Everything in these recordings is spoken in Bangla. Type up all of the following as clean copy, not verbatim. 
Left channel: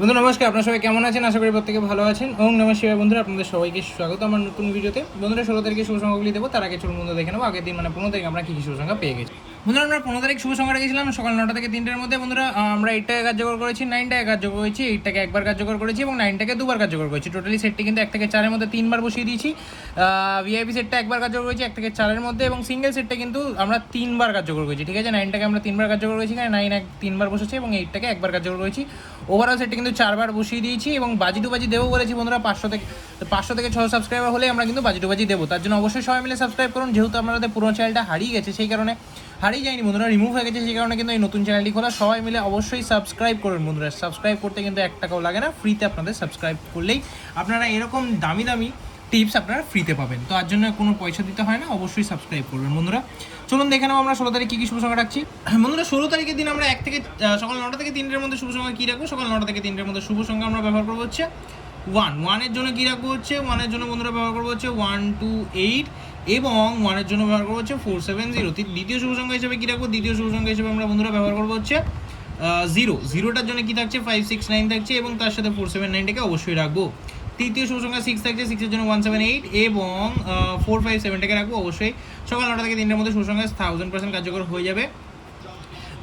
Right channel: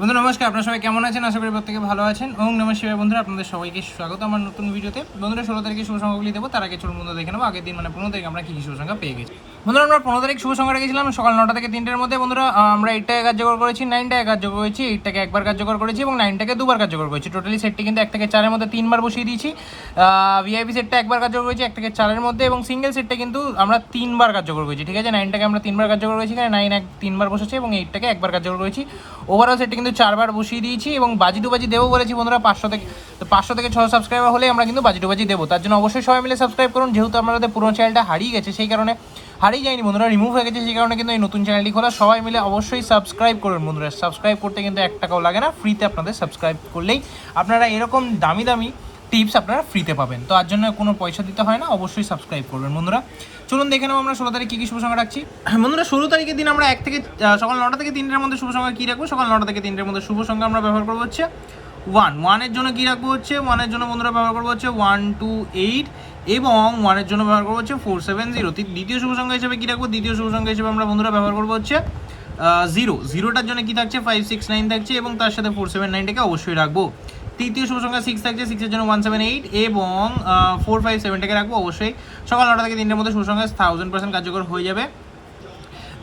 বন্ধু নমস্কার, আপনারা সবাই কেমন আছেন? আশা করি প্রত্যেকে ভালো আছেন। ওম নমঃ শিবায়। বন্ধুরা আপনাদের সবাইকে স্বাগত আমার নতুন ভিডিওতে। বন্ধুরা 16 তারিখে শুভ সংখ্যাগুলি দেবো, তার আগে চলুন বন্ধু দেখে নেবো আগের দিন মানে 15 তারিখ আমরা কী কী শুভ সংখ্যা পেয়ে গেছি। বন্ধুরা আমরা 15 তারিখ শুভ সংখ্যা রেখেছিলাম সকাল 9টা থেকে 3টের মধ্যে। বন্ধুরা আমরা 8টাকে কার্যকর করেছি, 9টাকে কার্যকর করেছি, 8টাকে একবার কার্যকর করেছি এবং 9টাকে দুবার কার্যকর করেছি। টোটালি সেটটি কিন্তু 1 থেকে 4-এর মধ্যে 3বার বসিয়ে দিয়েছি। ভিআইপি সেটটা একবার কার্যকর করেছি 1 থেকে 4-এর মধ্যে এবং সিঙ্গেল সেটটা কিন্তু আমরা 3বার কার্যকর করেছি। ঠিক আছে, 9টাকে আমরা 3বার কার্যকর করেছি, এখানে 9 3বার বসেছে এবং 8টাকে একবার কার্যকর করেছি। ওভারঅল সেটটা কিন্তু 4বার বসিয়ে দিয়েছি এবং বাজি টু বাজি দেবো বলেছি বন্ধুরা 500 থেকে 600 সাবস্ক্রাইবার হলে আমরা কিন্তু বাজি টু বাজি দেবো। তার জন্য অবশ্যই সবাই মিলে সাবস্ক্রাইব করুন। যেহেতু আমাদের পুরোনো চ্যানেলটা হারিয়ে গেছে, সেই কারণে হারিয়ে যায়নি বন্ধুরা, রিমুভ হয়ে গেছে, সেই কারণে কিন্তু এই নতুন চ্যানেলটি খোলা। সবাই মিলে অবশ্যই সাবস্ক্রাইব করুন বন্ধুরা। সাবস্ক্রাইব করতে কিন্তু 1 টাকাও লাগে না, ফ্রিতে আপনাদের সাবস্ক্রাইব করলেই আপনারা এরকম দামি দামি টিপস আপনারা ফ্রিতে পাবেন। তো তার জন্য কোনো পয়সা দিতে হয় না, অবশ্যই সাবস্ক্রাইব করবেন বন্ধুরা। চলুন দেখে নেবো আমরা 16 তারিখ কী কী শুভ সংখ্যা রাখছি। বন্ধুরা 16 তারিখের দিন আমরা সকাল 9টা থেকে 3টের মধ্যে শুভ সংখ্যা কী রাখবো? সকাল 9টা থেকে 3টের মধ্যে শুভ সংখ্যা আমরা ব্যবহার করবো হচ্ছে 1 এর জন্য কী রাখবো হচ্ছে 1 এর জন্য বন্ধুরা ব্যবহার করবো হচ্ছে 128 এবং 1 এর জন্য ব্যবহার করবো হচ্ছে 470। দ্বিতীয় শুভ সংখ্যা হিসেবে কী রাখবো? দ্বিতীয় শুভ সংখ্যা হিসেবে আমরা বন্ধুরা ব্যবহার করবো হচ্ছে 0টার জন্য কী থাকছে 569 থাকছে এবং তার সাথে 479টাকে অবশ্যই রাখবো। তৃতীয় শুভ সংখ্যা 6 থাকছে, 6-এর জন্য 178 এবং 457টাকে রাখবো অবশ্যই। সকাল 9টা থেকে 3টের মধ্যে শুভ সংখ্যা 1000% কার্যকর হয়ে যাবে।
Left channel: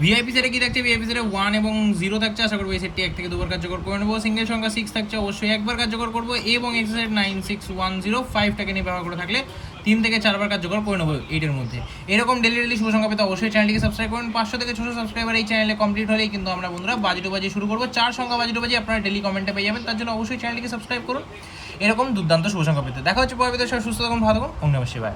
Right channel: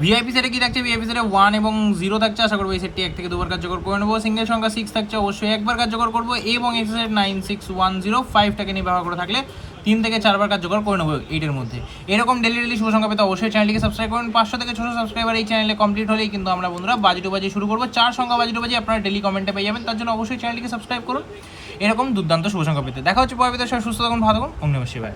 ভিআইপি সেটে কি থাকছে? ভিআইপি সেটে 1 এবং 0 থাকছে, আশা করবো এই সেটটি 1 থেকে 2বার কার্যকর করে নেবো। সিঙ্গেল সংখ্যা 6 থাকছে, অবশ্যই একবার কার্যকর করবো এবং এক্স সেট 96105টাকে নিয়ে ব্যবহার করে থাকলে 3 থেকে 4বার কার্যকর করে নেবো 8-এর মধ্যে। এরকম ডেলি শুভ সংখ্যা পেতে অবশ্যই চ্যানেলটিকে সাবস্ক্রাইব করুন। 500 থেকে 600 সাবস্ক্রাইবার এই চ্যানেলে কমপ্লিট হলেই কিন্তু আমরা বন্ধুরা বাজি টু বাজি শুরু করবো। 4 সংখ্যা বাজি টু বাজি আপনারা ডেলি কমেন্টে পেয়ে যাবেন, তার জন্য অবশ্যই চ্যানেলটিকে সাবস্ক্রাইব করুন এরকম দুর্দান্ত শুভ সংখ্যা পেতে। দেখা হচ্ছে পরবর্তী, সবাই সুস্থ থাকুন, ভালো থাকুন। ওম নমঃ শিবায়।